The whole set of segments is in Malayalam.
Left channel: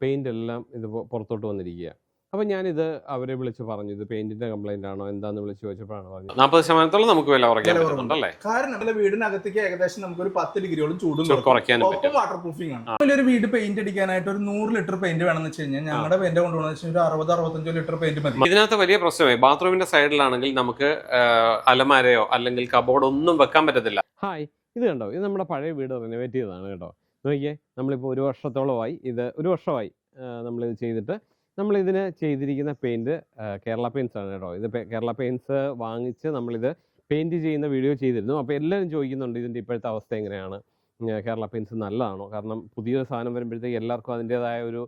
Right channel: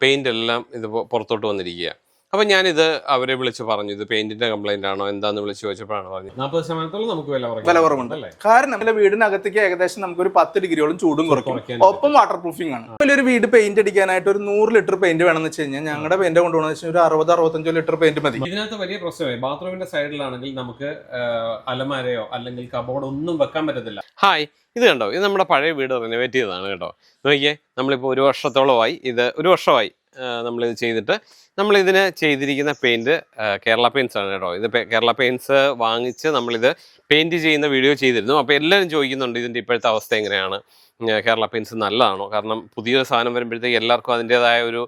പെയിന്റ് എല്ലാം ഇത് പുറത്തോട്ട് വന്നിരിക്കുക അപ്പം ഞാനിത് അവരെ വിളിച്ച് പറഞ്ഞു ഇത് പെയിന്റിന്റെ കംപ്ലൈന്റ് ആണോ എന്താന്ന് വിളിച്ച് ചോദിച്ചപ്പോഴാണ് പറഞ്ഞത്. നാൽപ്പത് ശതമാനത്തോളം നമുക്ക് വില കുറയ്ക്കാൻ വില കുറവുണ്ടല്ലേ കാരണം നമ്മുടെ വീടിനകത്തേക്ക് ഏകദേശം നമുക്ക് ഒരു പത്ത് ഡിഗ്രിയോളം ചൂടും കുറയ്ക്കാൻ ഒപ്പം വാട്ടർ പ്രൂഫിംഗ് ആണ് വലിയൊരു ഒരു വീട് പെയിന്റ് അടിക്കാനായിട്ട് ഒരു നൂറ് ലിറ്റർ പെയിന്റ് വേണമെന്ന് വെച്ച് കഴിഞ്ഞാൽ ഞങ്ങളുടെ പെയിന്റ് കൊണ്ടുപോകുന്ന വെച്ചാൽ ഒരു അറുപത് അറുപത്തഞ്ചോ ലിറ്റർ പെയിന്റ് മതി. ഇതിനകത്ത് വലിയ പ്രശ്നമായി ബാത്റൂമിന്റെ സൈഡിലാണെങ്കിൽ നമുക്ക് അലമാരയോ അല്ലെങ്കിൽ കബോർഡ് ഒന്നും വെക്കാൻ പറ്റത്തില്ല. ഹായ് ഇത് കണ്ടോ? ഇത് നമ്മുടെ പഴയ വീട് റിനോവേറ്റ് ചെയ്തതാണ് കേട്ടോ. നോക്കിയേ നമ്മളിപ്പോൾ ഒരു വർഷത്തോളമായി ഇത് ഒരു വർഷമായി. നമ്മളിത് ചെയ്തിട്ട് നമ്മളിതിന് ചെയ്തിരിക്കുന്ന പെയിന്റ് കേരള പെയിൻസ് ആണ് കേട്ടോ. ഇത് കേരള പെയിൻസ് വാങ്ങിച്ച് നമ്മളിത് പെയിന്റ് ചെയ്യുന്ന വീഡിയോ ചെയ്തിരുന്നു. അപ്പോൾ എല്ലാവരും ചോദിക്കുന്നുണ്ട് ഇതിന്റെ ഇപ്പോഴത്തെ അവസ്ഥ എങ്ങനെയാണ്? കേരള പെയിൻസ് നല്ലതാണോ? കാരണം പുതിയൊരു സാധനം വരുമ്പോഴത്തേക്ക് എല്ലാവർക്കും അതിന്റേതായ ഒരു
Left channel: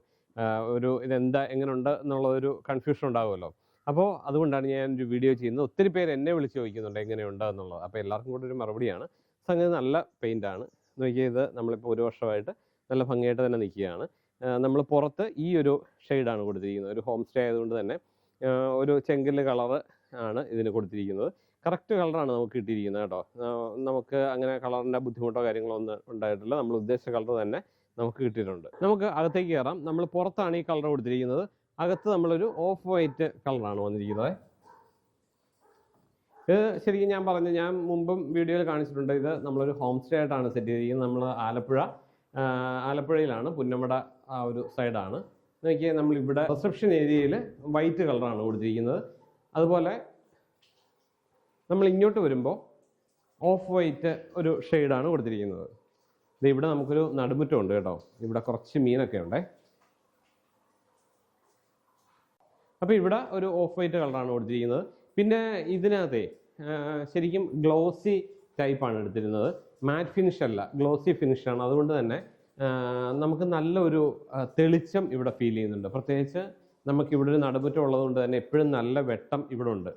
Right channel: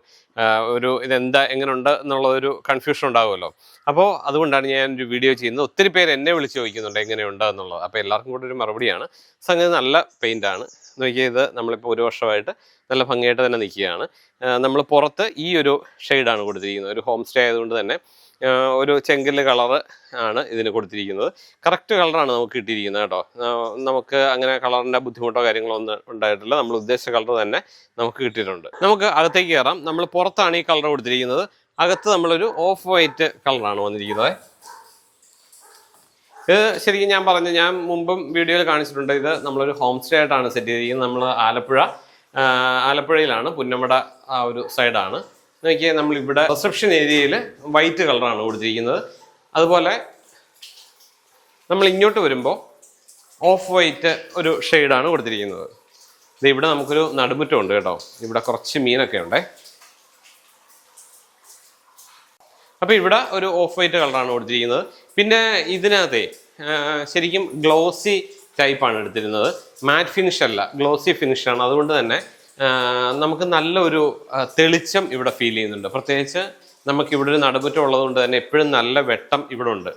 ഒരു ഇതെന്താ എങ്ങനെയുണ്ട് എന്നുള്ള ഒരു കൺഫ്യൂഷൻ ഉണ്ടാകുമല്ലോ അപ്പോൾ അതുകൊണ്ടാണ് ഞാൻ ഒരു വീഡിയോ ചെയ്യുന്നത്. ഒത്തിരി പേര് എന്നെ വിളിച്ച് ചോദിക്കുന്നുണ്ട് എങ്ങനെയുണ്ട് എന്നുള്ളത്. അപ്പോൾ എല്ലാവർക്കും കൂടെ ഒരു മറുപടിയാണ്. സംഗതി നല്ല പെയിന്റാണ് നോക്കിയത് നമ്മളിപ്പോൾ ഒരു വർഷമായിട്ട് നല്ല ഭംഗിയായിട്ട് തന്നെ നിൽക്കുകയാണ്. നമ്മൾ പുറത്ത് ഈ ഒരു ഷെയ്ഡാണ് കൊടുത്തിരിക്കുന്നത്. ഒരു ഹോം സ്റ്റേ ആയതുകൊണ്ട് തന്നെ ഒരു ചെങ്കൽ കളറ് ആണ് ഇതിന് കൊടുത്തിരിക്കുന്നത്. കറക്റ്റ് കളറാണ് നമുക്ക് കിട്ടിയിരിക്കുന്നത് കേട്ടോ. നമുക്ക് അങ്ങനെ കളറിന്റെ ബുദ്ധിമുട്ടോ കാര്യങ്ങളോ ഒന്നും ഉണ്ടായിട്ടില്ല. നമ്മൾ ഉദ്ദേശിച്ച കളർ തന്നെ നമുക്ക് കിട്ടിയിട്ടുണ്ട്. നമുക്ക് അകത്തേക്ക് കയറാം. നമ്മൾ പുറത്താണ് ഈ കളർ കൊടുത്തിരിക്കുന്നത്. അകത്ത് നമ്മളൊരു ഓഫ് വൈറ്റ് കളറാണ് വന്നിരിക്കുന്നത്. ഇത് ശരിക്കും ഞാൻ പറഞ്ഞു ഞാൻ മുമ്പും വീഡിയോയിൽ കാണിച്ചിട്ടുണ്ട്. ഇത് നമ്മളൊരു ഹോം സ്റ്റേ ആയിട്ടാണ് സെറ്റ് ചെയ്തിരിക്കുന്നത്. നമ്മൾ ആലപ്പുഴ ആലപ്പുഴയിലാണ് പുന്നമട ആ ഒരു സൈഡാണ്. നോക്കിയാൽ നമ്മളിവിടെ റിസപ്ഷൻ ഏരിയയിൽ വൈറ്റ് കളറാണ് കൊടുത്തിരിക്കുന്നത്. അതുപോലെ നമ്മൾ ഇങ്ങോട്ട് വരുമ്പോൾ ഓഫ് വൈറ്റ് ഒരു ഷെയ്ഡാണ് കൊടുത്തിരിക്കുന്നത്. ഇത് ഇവിടെ നമുക്കൊരു നടുമുറ്റം ഉണ്ട് കേട്ടോ. ഇവിടെ കുറച്ച് മീനൊക്കെ ഉണ്ടേ. അപ്പോൾ ഇവിടെ ഒരു ഓഫ് വൈറ്റ് കളറാണ് കൊടുത്തിരിക്കുന്നത്. പിന്നെ ഇതിനകത്തെ ശരിക്കും ഗ്ലോസി ടൈപ്പാണ് എടുത്തിരുന്നത്. മാറ്റ് ഫിനിഷ് അല്ല ഗ്ലോസി ഫിനിഷാണ് അതുകൊണ്ട് തന്നെ നമുക്ക് നല്ലൊരു തെളിച്ചം ഇവിടെ ഫീൽ ചെയ്യുന്നുണ്ട്. പ്രത്യേകിച്ച് നമുക്ക് ഇവിടെ ഒരു നടുമുറ്റം ഉള്ളതുകൊണ്ട് തന്നെ എപ്പോഴും നല്ല വെട്ടം ഇവിടെ ഉണ്ട്.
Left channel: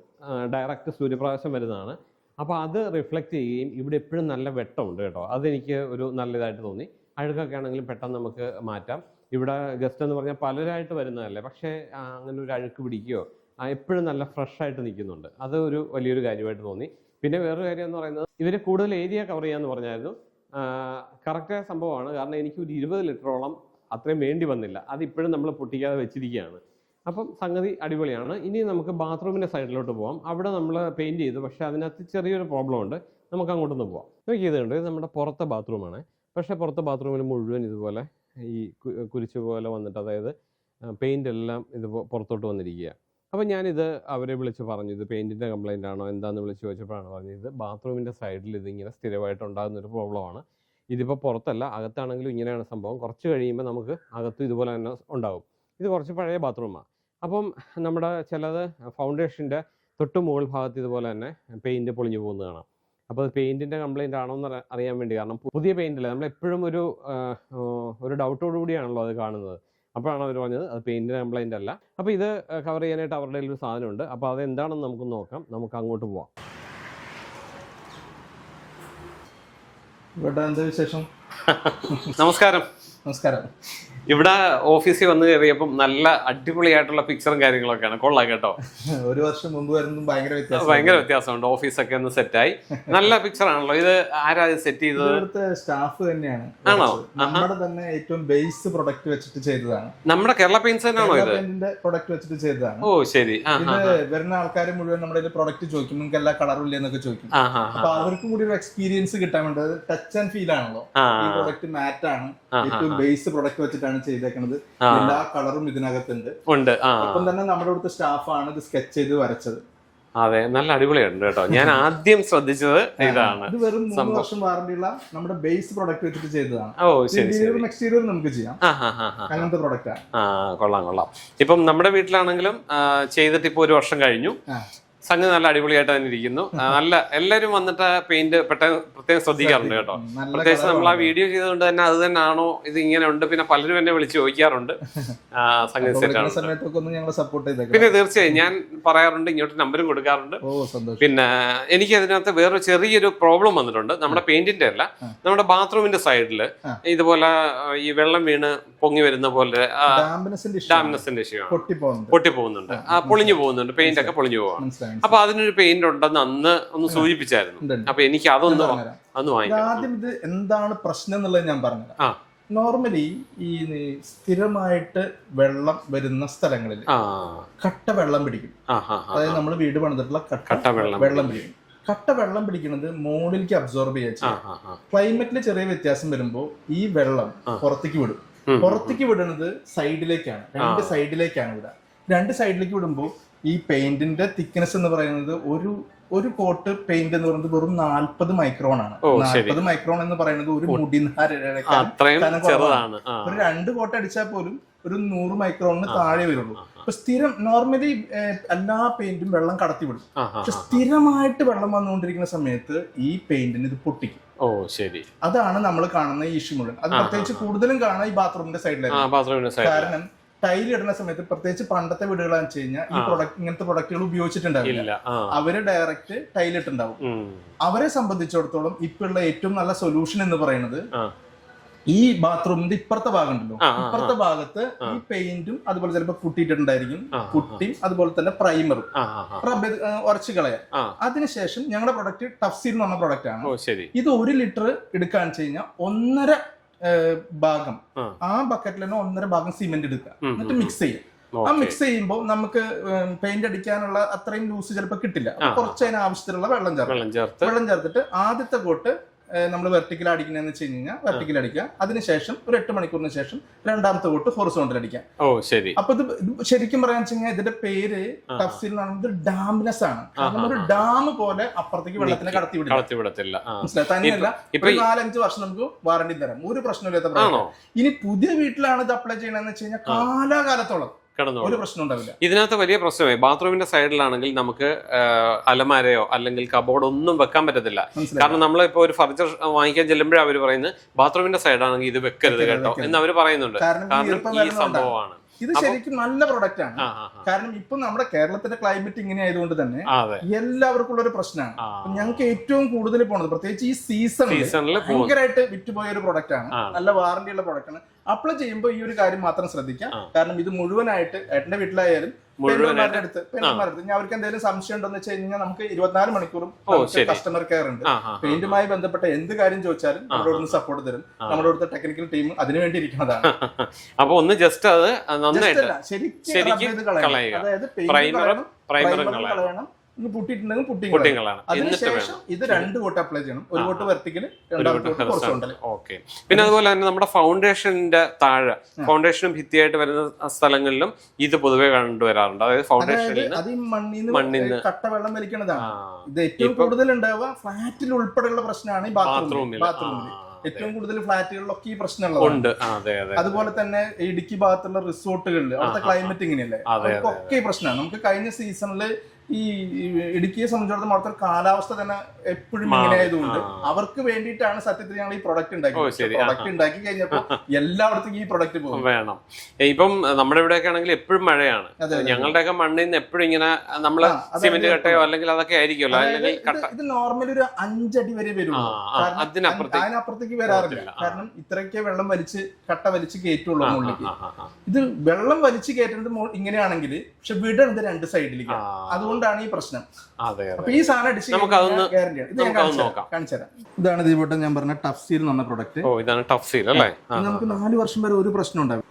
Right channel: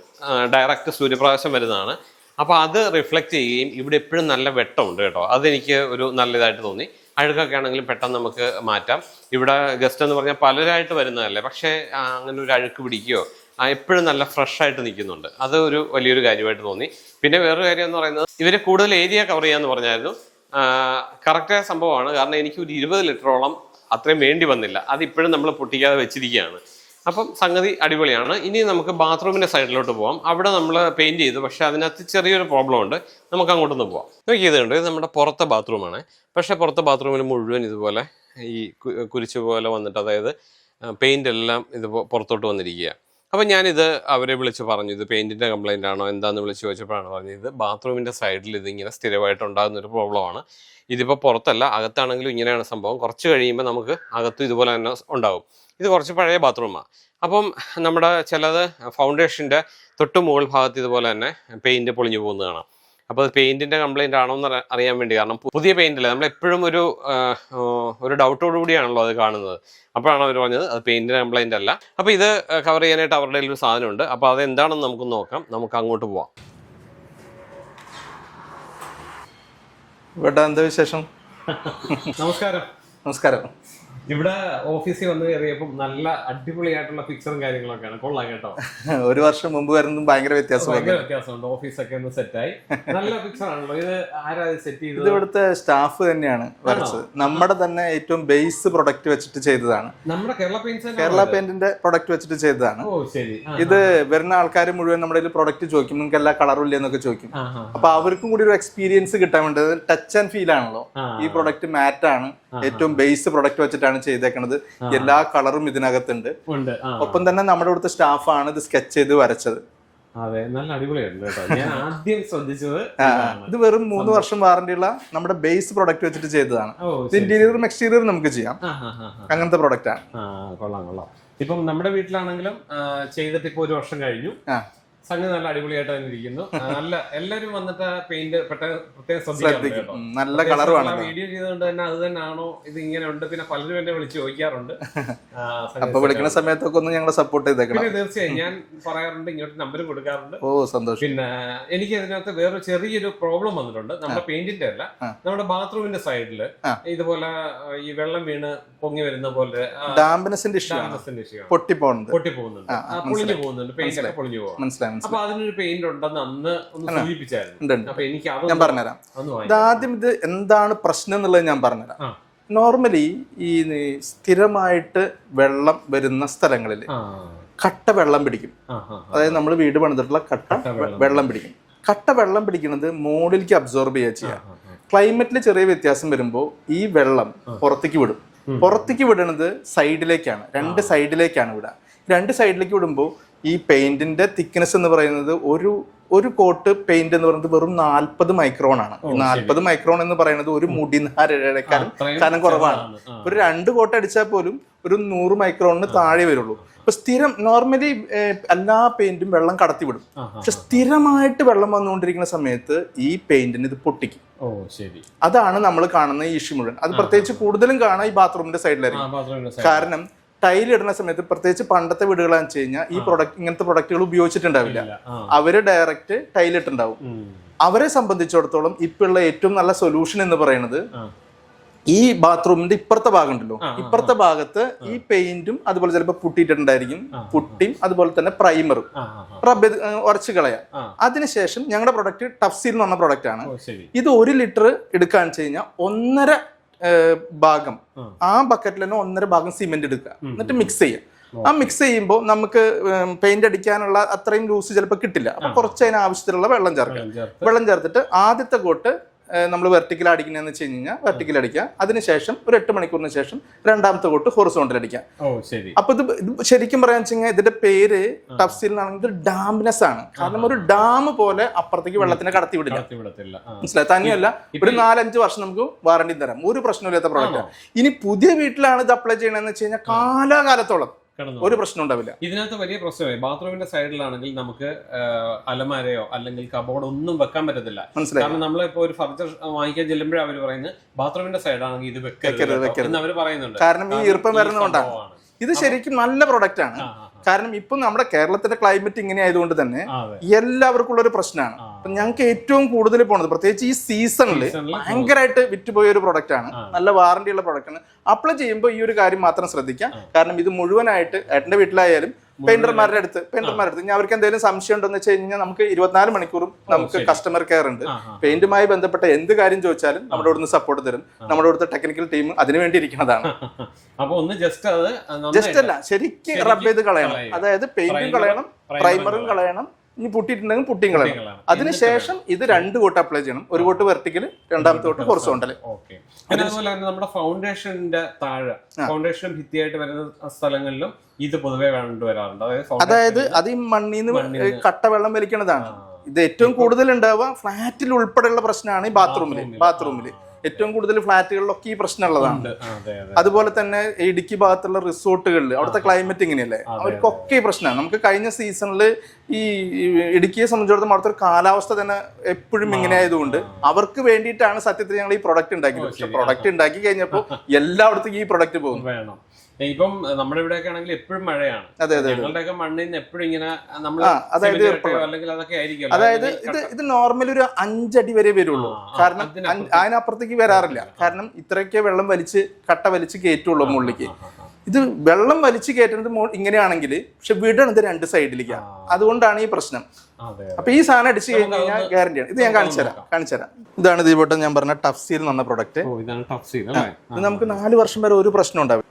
ഡയറക്റ്റ് സൂര്യപ്രകാശം വരുന്നതാണ്. അപ്പോൾ അത് റിഫ്ലക്റ്റ് ചെയ്യുകയും ഇവിടെ എപ്പോഴും നല്ല വെട്ടമുണ്ട് കേട്ടോ. അതെനിക്ക് ഒരു നല്ലതായിട്ട് തോന്നി. അഴുക്കൊക്കെ ആണെങ്കിലും പെട്ടെന്ന് നമുക്ക് മാറ്റാം. ഇവിടെ ഗസ്റ്റ് എന്ന് പറഞ്ഞാൽ പലരായിട്ട് വരുന്നതല്ലേ? പക്ഷേ അങ്ങനെ ഒരു അഴുക്ക് പിടിക്കുകയോ എപ്പോഴും നല്ല ഫ്രഷ് ആയിട്ട് നിൽക്കുന്നുണ്ട്. അത് ഒരു വലിയൊരു കാര്യമായിട്ട് തോന്നി. പിന്നെ വേറൊരു കാര്യം എന്ന് പറയുന്നത് ഇവർ കൂടുതൽ ഏരിയ കവർ ചെയ്യാന്ന് പറഞ്ഞായിരുന്നു. കറക്റ്റായ സംഭവമാണ്. കാരണം എനിക്ക് ഒരു ഇരുപത് ലിറ്ററോളം അത്രയും വേണ്ടി വന്നില്ല. അത് ഇപ്പോഴും നമ്മൾ പൊട്ടിക്കാതെ വെച്ചിരിക്കുകയാണ്. അപ്പം സംഗതി അടിപൊളിയാണ്. ഇനി നമുക്ക് ബാത്റൂമിന്റെ സൈഡിലോട്ട് പോവാം. അവിടെ നമ്മൾ പെയിന്റ് ചെയ്തു. പക്ഷേ അതിനകത്ത് ചെറിയൊരു പ്രോബ്ലം ഉണ്ട്. നമുക്ക് അങ്ങോട്ടൊന്ന് പോവാം. നോക്കി ഇതുണ്ട് ഇത് നമ്മുടെ പുറത്തെ ബാത്റൂമാണ്. പക്ഷേ പുറത്തെ ബാത്റൂമിൽ മുഴുവൻ ഇതുപോലെ ഈ കുരിച്ചു പോലെ വന്നിട്ട് അതായത് പെയിന്റ് എല്ലാം ഇത് പുറത്തോട്ട് വന്നിരിക്കുക അപ്പം ഞാനിത് അവരെ വിളിച്ച് പറഞ്ഞു ഇത് പെയിന്റിന്റെ കംപ്ലയിന്റ് ആണോ? എന്താന്ന് വിളിച്ച് ചോദിച്ചപ്പോഴാണ് പറഞ്ഞത് ഇത് ബാത്റൂമിന്റെ സൈഡിൽ ഇതിങ്ങനെ സ്ഥിരമായിട്ട് ഉണ്ടാകുന്ന ഒരു പ്രോബ്ലമാണ് ഇതിപ്പോൾ പുറത്തല്ല അകത്താണെങ്കിലും ഇങ്ങനെയാണ് സംഭവം. കുറച്ച് കഴിയുമ്പോൾ നമുക്ക് അകത്തും ഇതുപോലെ തന്നെ ഉണ്ടാകും ഇത് കുറച്ച് പഴയ ബാത്റൂമാണ് അപ്പം നമ്മുടെ ചിലത് ഫൗണ്ടേഷന്റെ തൊട്ട് മുകൾ ഭാഗത്ത് ഇതുപോലെ തന്നെ പെയിന്റ് പൊളിഞ്ഞു പോകുന്നത് കാണാം അപ്പോൾ അത് പെയിന്റിന്റെ കംപ്ലൈന്റ് ആണോ എന്ന് അറിയാൻ വേണ്ടി. കാരണം പുതിയ പെയിന്റ് അല്ലേ? നമ്മൾ എപ്പോഴും ഒരു ഒരു ഡൗട്ടോടു കൂടിയാണല്ലോ അത് കാണുന്നത്. അപ്പോഴാണ് അവർ പറഞ്ഞത് അത് പെയിന്റിന്റെ കംപ്ലൈന്റ് അല്ല. അപ്പോൾ ഇത് കവർ ചെയ്യാനായിട്ട് അവരുടെ ഒരു സാധനമുണ്ട്. അപ്പോൾ അത് എന്താണെന്ന് നമുക്ക് നോക്കാം. നമുക്ക് അങ്ങോട്ട് പോവാം. ഇവിടെ എന്താ വിശേഷം? നമസ്കാരം. നമസ്കാരം. ഇവിടെ ഓഫീസിൽ വന്ന് കയറിയപ്പം നല്ല അടിപൊളിയായിട്ടുള്ള പിക്ചറും കാര്യങ്ങളൊക്കെയാണ്. കൊള്ളാം കേട്ടോ. ഒരു വർഷം മുമ്പ് വരുന്നതും ഭയങ്കര വ്യത്യാസം ഭയങ്കര വ്യത്യാസമുണ്ട്. ഓഫീസൊക്കെ ഒന്ന് സെറ്റായി നല്ല പിക്ചർ ആണല്ലോ. ഇത് ആരാ സെറ്റ് ചെയ്തത്? ഇവിടുത്തെ സ്റ്റാഫ് തന്നെയാണ്. നമ്മുടെ തന്നെ ഏറ്റവും ബേസ് പ്രൊഡക്റ്റ് വെച്ചിട്ട് ചെയ്തതാണ്. നമ്മുടെ കേരള കേരള? പെയിന്റിന്റെ പ്രൊഡക്റ്റ് വെച്ചിട്ട് ചെയ്തതാണ്. ഓ ശരി. ഇത് വരുന്ന ആൾക്കാർ മുഴുവൻ നമ്മുടെ പ്രൊഡക്റ്റ് ചോദിക്കും. നിങ്ങൾക്ക് എല്ലാ കളറും ഇല്ല? എന്നൊക്കെ ചോദിക്കും. അപ്പൊ അവർക്കും കൂടി ഒരു എക്സ്പീരിയൻസ് കിട്ടാൻ വേണ്ടത് ടച്ച് ആൻഡ് ഫീൽ ആണല്ലോ. ഈ പ്രൊഡക്റ്റ് മാറ്റ് ആണ്. ഏറ്റവും ബേസ് പ്രൊഡക്റ്റ് വെച്ചിട്ടാണ് ചെയ്തേക്കുന്നത് ആ. എല്ലാ കളറും ഇതിനകത്തുണ്ട്. ഉണ്ട്. ഒപ്പം തന്നെ നമ്മുടെ അടുത്ത സ്റ്റാഫാണ് ഇത് സ്കെച്ച് ചെയ്ത് വരച്ചത്. അതെ നല്ല അടിപൊളിയുണ്ട് കേട്ടോ. ഞാൻ ആദ്യം ശ്രദ്ധിച്ചത് ഇതാണ്. ഇത് വെറും മൂന്ന് വർഷം വാറന്റി ഉള്ള നമ്മുടെ ബേസ് പ്രൊഡക്റ്റ് വെച്ചിട്ട് ചെയ്തതാണ്. ഇന്റീരിയറും എക്സ്റ്റീരിയറും നമുക്ക് ചെയ്യാം. അങ്ങനത്തെ പ്രൊഡക്റ്റ് ആണ് കൊള്ളാം കൊള്ളാം. ഇപ്പം നമ്മുടെ വീട്ടിലാണെങ്കിലും ചെയ്തിട്ട് ഇപ്പൊ ഒരു വർഷം കഴിഞ്ഞു. സംഗതി നല്ല അടിപൊളിയായിട്ട് തന്നെ ഇരിക്കുന്നു. നല്ല എല്ലാരും വന്നിട്ട് പെയിന്റ് പെട്ടെന്ന് പ്രത്യേകം ശ്രദ്ധിക്കാറുണ്ട് കേട്ടോ. നല്ല പ്രത്യേകിച്ച് നമ്മൾ ആ വീഡിയോ ചെയ്തുകൊണ്ട് തന്നെ അത് തന്നെയാണോ ഇത് ഇങ്ങനെ ഉണ്ട് പിന്നെ പലരും എന്നെ വിളിച്ച് ചോദിക്കാറുണ്ട്. സമയത്തൊക്കെ ഒന്ന് സപ്പോർട്ട് പിന്നെ തീർച്ചയായും ഞാൻ പറയാറുണ്ട് ഇങ്ങോട്ട് നമ്പരും കൊടുക്കാറുണ്ട്. ഓ സന്തോഷം. പിന്നെ എനിക്ക് അതിനകത്ത് വേറൊരു ചെറിയൊരു പ്രോബ്ലം വന്നിട്ടുണ്ട്. നമ്മുടെ പെയിന്റിന്റെ അല്ല നമ്മുടെ ബാത്റൂമിന്റെ സൈഡിൽ ഇതുപോലെ ഈ വെള്ളം വീണ് പൊങ്ങി വരുന്ന പോലെ ഡാമ്പിനെസിന്റെ ഇഷ്യൂ ഡാമിനസിന്റെ ഇഷ്യൂ പൊട്ടി പോകുന്നുണ്ട് ആ പൊളിഞ്ഞു പോകുന്നുണ്ട്. പെയിന്റ് ഒക്കെ പൊളിഞ്ഞു പോകാം മനസ്സിലായി. അപ്പൊ അതിനൊരു പെയിന്റ് ഉണ്ടെന്ന് അന്ന് ഒന്ന് സൂചിപ്പിച്ചായിരുന്നു. അപ്പൊ എനിക്ക് അതൊന്നും പറഞ്ഞുതരാം. ആദ്യം ഇത് എന്താണ് പ്രശ്നം എന്നുള്ളത് ഞാൻ പറഞ്ഞുതരാം. നോർമലി ഈ സ്ഥിരമായിട്ട് വെള്ളം വരുന്ന സ്ഥലങ്ങളിൽ കട്ട വെള്ളം പിടിക്കും. അതായത് നമ്മൾ വീട് പണിതിട്ടുള്ള കട്ട വെള്ളം പിടിക്കും. കട്ട വെള്ളം പിടിക്കുന്നത് മോളിലേക്ക് അബ്സോർബ് ചെയ്യുക ചെയ്യാം. ക്ലൈമറ്റിൽ ചെറിയ വ്യത്യാസം വരുമ്പോൾ ഈ വെള്ളം പുറത്തേക്ക് വിടും. പുറത്തേക്ക് വിടുന്നത് സൈഡിലേക്കാണ് രണ്ട് സൈഡിലേക്കാണ് വിടുക. രണ്ട് സൈഡിലേക്ക് വിടുമ്പോൾ ഈ പെയിന്റിന്റെ തിക്നെസ് എന്ന് പറയുന്നത് ഒരു ഒരു കോട്ട് പെയിന്റ് എന്ന് പറയുന്നത് വെറും നാൽപ്പത് മൈക്രോൺ ആണ്. നാൽപ്പത് മൈക്രോൺ എന്ന് പറയുന്നത് ഒരു മുടി നാരഴക്കാൻ അത്രയും കനം കുറവാണ്. ഒരു രണ്ട് കോട്ട് അടിച്ചാൽ പോലും ഒരു നൂറ് മൈക്രോണിന് താഴെ വരുള്ളൂ. ഇപ്പൊ സ്ഥിരം നോർമലി എല്ലാ പെയിന്റും വെള്ളം കടത്തി വിടും ആ, ആ. പക്ഷെ സ്ഥിരമായിട്ട് വെള്ളം വന്നുകൊണ്ടിരിക്കുന്ന സമയത്ത് ഈ പെയിന്റിന് ഇത് പൊട്ടിക്കും. ഓ ശരി. അതാണ് നമ്മൾ കാണുന്ന ഈ ഇഷ്യൂ മുഴുവൻ. അത് പ്രത്യേകിച്ച് കൂടുതലും കാണാം ഈ ബാത്റൂമിന്റെ സൈഡിലായിരുന്നു കാരണം ടൈൽ ഇടുന്ന സമയത്ത് പ്രത്യേകിച്ച് പണ്ടത്തെ വീടുകളാന്ന് വെച്ച് കഴിഞ്ഞാൽ ഈ പ്രൊഡക്റ്റ് ഇങ്ങനത്തെ പ്രൊഡക്റ്റുകൾ ഉപയോഗിച്ചിട്ടുണ്ടാവില്ല. അവർ ഡയറക്റ്റ് ടൈൽ ഇട്ടുണ്ടാവും അവരെ സംബന്ധിച്ചിടത്തോളം ഇപ്പൊ ഉള്ള ഏറ്റവും നല്ല സൊല്യൂഷൻ എന്ന് പറയുന്നത് ഈ ബാത്റൂമിന്റെ ഇപ്പുറത്തെ ഭാഗം ഉണ്ടല്ലോ ഇപ്പുറത്തെ ഭാഗത്ത് ഈ പെയിന്റും അതുപോലെ ചിലപ്പോൾ പുട്ടിയിട്ടുണ്ടായിരിക്കും പുട്ടിയും അതുപോലെ തന്നെ പ്രൈമറും ഉറച്ച്. റബ്ബ് കളയാം. അതിനുശേഷം ഞങ്ങളുടെ പ്രൊഡക്റ്റ് ടഫ്സീൽ എന്ന് പറഞ്ഞ പ്രൊഡക്റ്റ് ആണ്. ഇത് ഒരു ലിറ്റർ എടുക്കാന്ന് വെച്ച് കഴിഞ്ഞാൽ ഒന്നര ഭാഗം. ആ. ബക്കറ്റിൽ തന്നെ ഒന്നര ഭാഗം സിമെന്റ് എടുക്കുക. എന്നിട്ട് മിക്സ് ചെയ്യുക. ആ മിക്സ് ചെയ്യുമ്പോൾ നമുക്ക് പെയിന്റ് അടിക്കാനുള്ള അത്രയും ലൂസ് ചിലപ്പോൾ കിട്ടില്ല. അപ്പൊ കുറച്ച് അതിന് ആവശ്യത്തിലുള്ള വെള്ളം ചേർക്കാം വെള്ളം ചേർത്തിട്ട് ആദ്യത്തെ കോട്ട് നമ്മൾ വെർട്ടിക്കൽ അടിക്കുന്നതെന്ന് വെച്ച് കഴിഞ്ഞാൽ വെർട്ടിക്കൽ അടിക്കുക. അതിനുശേഷം ഒരു എട്ട് മണിക്കൂറിന് ശേഷം രണ്ടാമത്തെ കൊട്ട് ഹൊറിസോണ്ടിൽ അടിക്കാം ഓ ശരി. അപ്പൊ ഇത് ഇത് ശരിക്കും പറയാന്ന് വെച്ച് കഴിഞ്ഞാൽ ഇതിന്റെ പേര് ടഫ്സിൽ ഇത് ഡാംനെസ് ആണ്. കാരണം ഒരു ഡാം പോലെ അപ്പുറത്തേക്ക് വെള്ളത്തിനെ കടത്തി വിടില്ല മനസ്സിലായി? തന്നെയല്ല ഇപ്പൊ ഒരു നാലഞ്ച് വർഷം നമുക്ക് വാറണ്ടി തരാം. ഒരു പ്രശ്നമില്ലാത്ത പ്രോഡക്റ്റ് ഇനി പുതിയ വീട്ടിലാണ് ഇത് അപ്ലൈ ചെയ്യണമെന്ന് വെച്ച് കഴിഞ്ഞാൽ കാലാകാലത്തോളം. കിടന്നു ഒരു പ്രശ്നം ഉണ്ടാവില്ല. ഇതിനകത്ത് വലിയ പ്രശ്നമേ ബാത്റൂമിന്റെ സൈഡിലാണെങ്കിൽ നമുക്ക് അലമാരയോ അല്ലെങ്കിൽ കബോർഡ് ഒന്നും വെക്കാൻ പറ്റത്തില്ല. കാരണം നമ്മൾ ഇപ്പൊ ഒരു ഫർണിച്ചർ വാങ്ങിക്കാൻ ചെല്ലുമ്പോഴേ അവർ പറയുന്നത് ബാത്റൂമിന്റെ സൈഡാണെങ്കിൽ ഇത് വെക്കരുത് എന്ന് അവർ പറയുന്നുണ്ട്. കാരണം ഈ ഈർപ്പം വരുന്ന വരുന്നതുകൊണ്ടാണ്. സംഭവമാണ്. ഇത് ശരിക്കും നല്ല പ്രൊഡക്റ്റ് ആണ്. കാരണം ഇപ്പൊ നമ്മുടെ കേരളത്തിന്റെ ക്ലൈമറ്റ് ഇങ്ങനെ ആയതുകൊണ്ട് തന്നെ എല്ലാവർക്കും ഉള്ള ഒരു പ്രശ്നമാണ്. ഞങ്ങൾക്ക് ഏറ്റവും കൂടുതൽ പോണത് പ്രത്യേകിച്ച് ഈ സീസണിൽ ഭയങ്കരമായിട്ട് വിറ്റുപോയ ഒരു പ്രൊഡക്റ്റ് ആണ്. ആണ്. നല്ല വാറണ്ടി ഉള്ള പ്രൊഡക്റ്റ് ആണ്. അപ്ലൈ ചെയ്യുമ്പോൾ ഈ ഒരു കാര്യം മാത്രം ശ്രദ്ധിക്കാം. കാരണം ഇത് മുഴുവനായിട്ട് ഏട്ടന്റെ വീട്ടിലായാലും പെയിന്റർമാരുടെ അടുത്ത് പെയിന്റർമാരുടെ അടുത്ത്. ഇനി അവർക്ക് എന്തെങ്കിലും സംശയം ഉണ്ടെന്ന് വെച്ച് കഴിഞ്ഞാൽ നമുക്ക് ഇരുപത്തിനാല് മണിക്കൂറും നമുക്ക് കസ്റ്റമർ കെയർ ഉണ്ട്. പെയിന്റുമായി ബന്ധപ്പെട്ട എന്ത് കാര്യം ചോദിച്ചാലും നമ്മുടെ ഇവിടുന്ന് സപ്പോർട്ട് തരും. നമ്മുടെ ഇവിടുത്തെ ടെക്നിക്കൽ ടീം അതിനു വേണ്ടി ഇരിക്കുന്നതാണ്. അപ്പൊ ഒന്ന് ജസ്റ്റ് അത് ജസ്റ്റ് അല്ല ശരിക്കും റബ് ചെയ്ത് കളയണം. അതായത് പെയിന്റ് കളയണം പ്രൈമറും കളയണം. ഇനി പൊട്ടിയിട്ടുണ്ടെങ്കിൽ കുട്ടികളാണ് അതിനുശേഷം ഇത് രണ്ട് കോട്ട് അപ്ലൈ ചെയ്യണം. ഒരു കോട്ട് വെർട്ടിക്കൽ രണ്ടാമത്തെ കോട്ട് ഹൊറിസോണ്ടൽ ഓക്കെ. പിന്നെ അതുപോലെ തന്നെ നമ്മുടെ ഫൗണ്ടേഷന്റെ താഴെ ഫൗണ്ടേഷനും ഭിത്തിയായിട്ട് വരുന്ന സ്ഥലങ്ങളിലും ഇത് പൊതുവെ കണ്ടുവരാറുണ്ട് അതായത് അതായത് അത് ഈ മണ്ണിന്ന് കട്ട വെള്ളം വലിക്കുന്നതാണ്. ഇത് ഏറ്റവും കൂടുതൽ ഉണ്ടാവുക ഫ്ലാറ്റിൽ ഉൾപ്പെടെയുള്ള പ്രശ്നമാണ് ഈ ബാത്റൂമിൽ ബാത്റൂമിൽ. ബാത്റൂമിൽ ഏറ്റവും കൂടുതൽ ഫ്ലാറ്റുകളിലൊക്കെ ഈ പ്രശ്നമുള്ളതുണ്ട് അതുപോലെ തന്നെ ഇടുക്കി ഭാഗത്തുള്ള റിസോർട്ടുകളിൽ അവിടുത്തെ ക്ലൈമറ്റ് ഇങ്ങനെയല്ലേ? അവർക്കൊക്കെ ഈ പ്രശ്നമാണ്. നമുക്ക് കഴിഞ്ഞ സീസണിൽ ഈ ഇടുക്കിയെ സംബന്ധിച്ചിടത്തോളം അവിടുത്തെ ഒരു കാലാവസ്ഥ തന്നെ എപ്പോഴും ഇങ്ങനെ ആയതുകൊണ്ട് അവർക്ക് വേണ്ടിയിട്ടാണ് സത്യത്തിൽ ഞങ്ങൾ ഈ പ്രൊഡക്റ്റ് ഉണ്ടാക്കി. പ്രൊഡക്റ്റ് ഉണ്ടാക്കി കഴിഞ്ഞപ്പോൾ എല്ലായിടത്തും ഈ പ്രൊഡക്റ്റ് പോകും. വേണം. ഇപ്പം നമ്മുടെ ഇവിടെയൊക്കെ ആണെങ്കിൽ എപ്പോഴും മഴയാണ്. ഞങ്ങളുടെയൊക്കെ മണ്ണിൽ നിന്ന് എപ്പോഴും ഇങ്ങനെ നമ്മൾ അല്ലെങ്കിൽ അതൊക്കെ ആയിരിക്കും അതായത് ഇത് ഇത് നോർമലി ഒരു അഞ്ചടി വരെ വരുള്ളൂ. കാരണം അതിനപ്പുറത്തേക്ക് വരാറില്ല. കാരണം ഇത്രയൊക്കെ വെള്ളം വലിച്ച് കട്ട വലിച്ച് കയറ്റുള്ളൂ മുകളിലേക്ക്. ആ. ഇത് വെള്ളം വലിച്ച് കയറ്റുന്നത് ഇങ്ങനെയാണെങ്കിൽ പക്ഷെ വീടാണ് ഇത് രണ്ട് സൈഡിലേക്കാണ് ആ. അതുകൊണ്ടാണ് ഈ പ്രശ്നം. അപ്പൊ ഈ സാധനം അടിച്ച് ഗ്യാരണ്ടിയാണ് ഇത് ഞാൻ കാണിച്ചുതരാം. കാണിച്ചു തരാം നോക്കാം. കാണിച്ചു തരാം ഇതാണ് ദീപോട്ടം ഞാൻ പറഞ്ഞ ടഫ് സീൽ എന്ന് പറഞ്ഞ പ്രൊഡക്റ്റ് ഇതാണ് ടഫ് സീൽ അല്ലേ? നമുക്ക് നാല് വർഷം വരെ ഒരു പ്രശ്നം ഉണ്ടാവില്ല.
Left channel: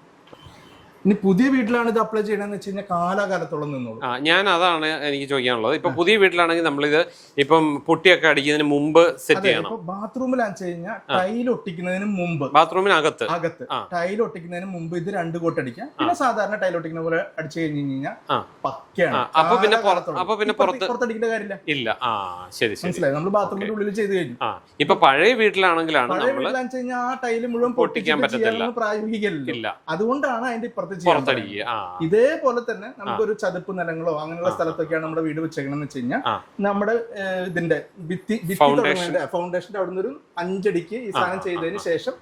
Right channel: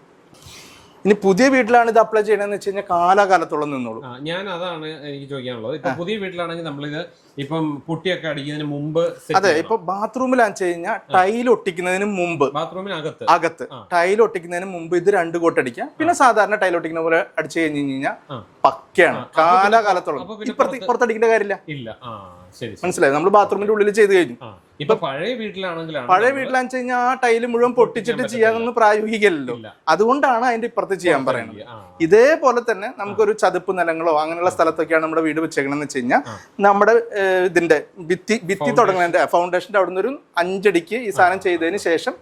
ഇനി പുതിയ വീട്ടിലാണ് ഇത് അപ്ലൈ ചെയ്യണമെന്ന് വെച്ച് കഴിഞ്ഞാൽ കാലാകാലത്തോളം നിന്നോളൂ. ആ ഞാൻ അതാണ് എനിക്ക് ചോദിക്കാനുള്ളത്. ഇപ്പൊ പുതിയ വീട്ടിലാണെങ്കിൽ നമ്മളിത് ഇപ്പം പൊട്ടിയൊക്കെ അടിക്കുന്നതിന് മുമ്പ് അതെ ഇപ്പൊ ബാത്റൂമിലാന്ന് വെച്ച് കഴിഞ്ഞാൽ ടൈൽ ഒട്ടിക്കുന്നതിന് മുമ്പ്. ബാത്റൂമിനകത്ത്. അകത്ത്. ടൈൽ ഒട്ടിക്കുന്നതിന് മുമ്പ് ഇത് രണ്ട് കോട്ട് അടിക്കാം. പിന്നെ സാധാരണ ടൈൽ ഒട്ടിക്കുന്ന പോലെ അടിച്ചു കഴിഞ്ഞു കഴിഞ്ഞാൽ പക്കയാണ്. കാലാകാലത്തോളം. അപ്പൊ പിന്നെ പുറത്തടിക്കേണ്ട കാര്യമില്ല. ഇല്ല. ആ ശരി മനസ്സിലായി? നമ്മൾ ബാത്റൂമിന്റെ ഉള്ളിൽ ചെയ്ത് കഴിഞ്ഞു. ഇപ്പൊ പഴയ വീട്ടിലാണെങ്കിലാണ് പഴയ വീട്ടിലാണെന്ന് വീട്ടിലാന്ന് വെച്ച് കഴിഞ്ഞാൽ ആ ടൈൽ മുഴുവൻ പൊട്ടിച്ചിട്ട്. ചെയ്യാനൊന്നും പ്രായോഗികമല്ലോ അതുകൊണ്ടാണ് അതിന്റെ ഇപ്പുറത്ത് ചെയ്യാൻ പറ്റും ഇതേപോലെ തന്നെ നമുക്കൊരു ചതുപ്പ് നിലങ്ങളോ അങ്ങനെയുള്ള സ്ഥലത്തൊക്കെയാണ് നമ്മുടെ വീട് വെച്ചേക്കണമെന്ന് വെച്ച് കഴിഞ്ഞാൽ നമ്മുടെ ഇതിന്റെ ഭിത്തി ഭിത്തി. തുടങ്ങുന്നതിന്റെ ഫൗണ്ടേഷന്റെ അവിടെ ഒരു അഞ്ചടിക്ക് ഈ സാധനം ചെയ്തതിന് ശേഷം